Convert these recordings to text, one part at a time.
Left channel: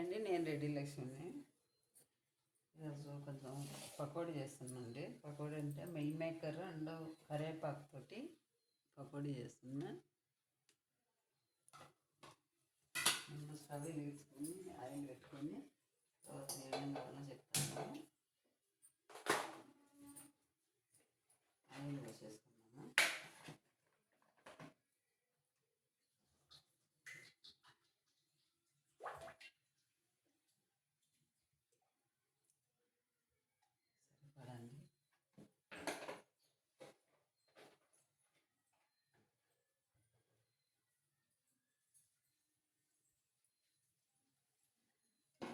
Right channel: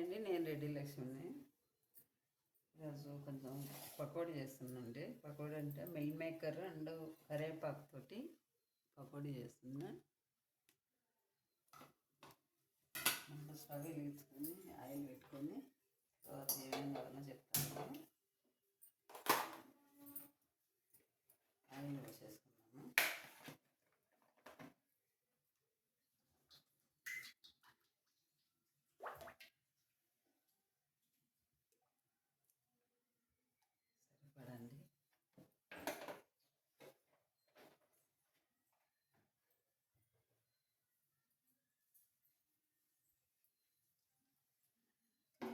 Hi అండి, నేను రెడ్డి లక్ష్మిని. ఈరోజు కొంచెం పకోడీ చేస్తున్నాండి. పకోడీ అంటే మిల్ మేకర్ అండ్ కరివేపాకుతోటి పకోడీ చేస్తున్నా. ముందు స్టవ్ వెలిగించుకొని ఆయిల్ పెట్టుకొని తర్వాత ఏమేమి కావాలో చెప్తాను. ఆయిల్ వేసేసుకున్నాను. సరిపడండి.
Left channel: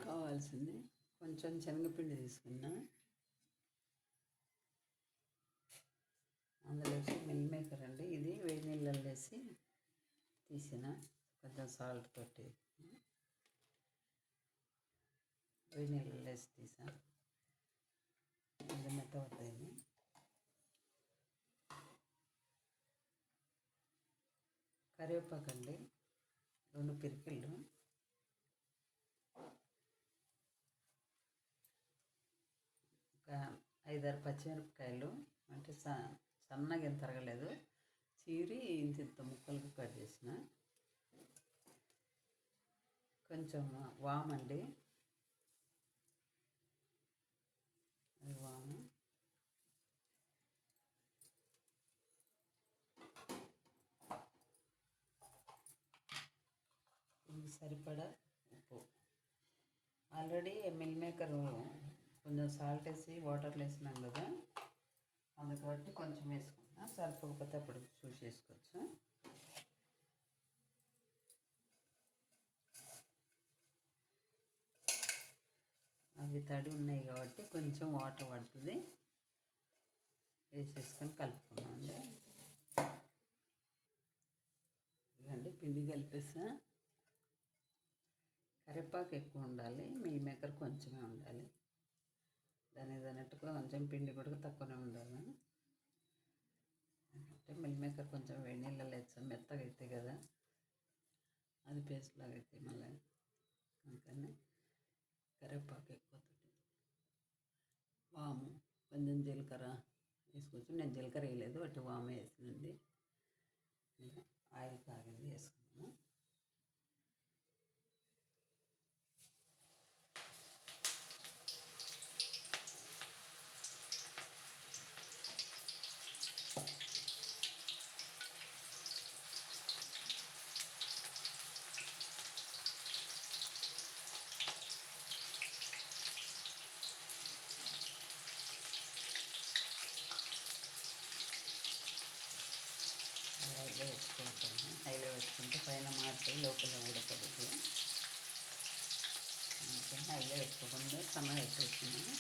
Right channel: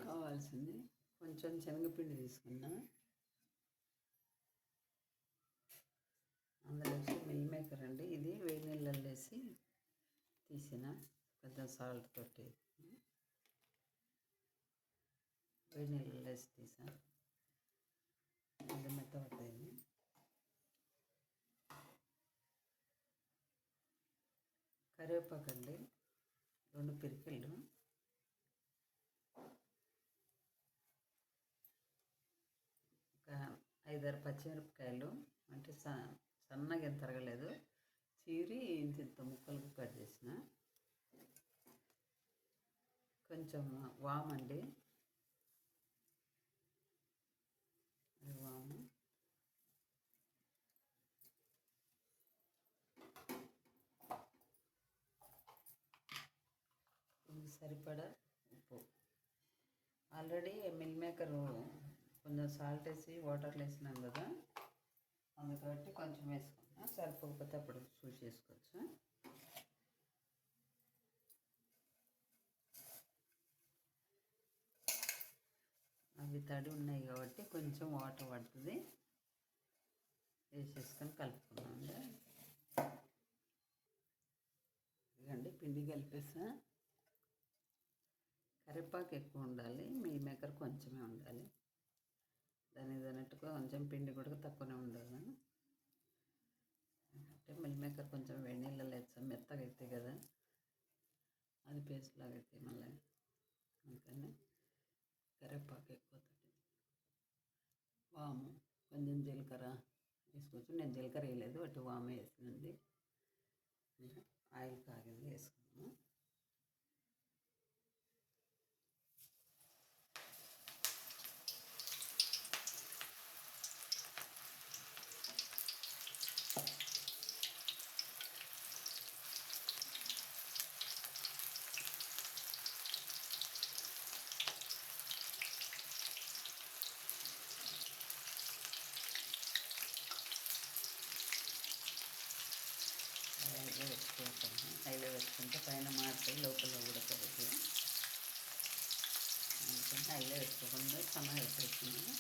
కావాల్సింది కొంచెం శనగపిండి తీసుకున్నా. అందులో వేసి మిల్ మేకర్ అండి, ఇది వేడి నీళ్ళలో వేసి తీసిన కొంచెం సాల్ట్ తోటి వేడి నీళ్ళలో వేసి తీసా. అది మెత్తబడింది. కరివేపాకు అండి 2 పిరికిళ్ళు, ఒక 5-6 పచ్చిమిరపకాయలు అంటే సన్నగా ఏం తరగలేదు, చీరి ఇంత ముక్కలకు కట్ చేసిన. కొంచెం వామండి, వాము, సరిపడా ఉప్పు. ఆల్రెడీ మిల్ మేకర్ కొంచెం సాల్ట్ వేసి వాటర్లో వేసినాం కదా, అందుకబట్టి కొంచెం వేసుకున్నా. సరిపోకపోతే అప్పుడు చూసి చేసుకోవచ్చు. అవి తడి ఉన్నాయి కాబట్టి కొంచెం వాటర్ పడుతుంది. వేసేసుకొని కలుపుకున్నామండి. ఇదండి పిండి కలిపేసా. కరివేపాకు ఎక్కువ ఉండాలి, మిల్ మేకర్ కొంచెమే ఉండాలి. దానికి అన్నట్టుగా కొంచెం పిండి కూడా తక్కువనే ఉండాలి. అంటే మిల్ మేకర్ కొంచెం వేడి నీళ్ళలో వేస్తాం, మెత్తగా అవుతాయి కదా, అది పేస్ట్ లాగా అవుతాయి మళ్ళీ. అందుకని కరివేపాకు ఎక్కువ, వాము, కొంచెం జీలకర్ర వేసుకోవచ్చు. నేను జీలకర్ర వేయలేదు, అటు వాము వేసినండి. ఆయిల్ కాగింది, వేసుకున్నాము. హైలో వేసుకుంటే పైన మార్చి లోపల ఉడకబెట్టి, అందుకని హైలో వేసుకోకుండా సన్నగా వేసేస్తున్నాను.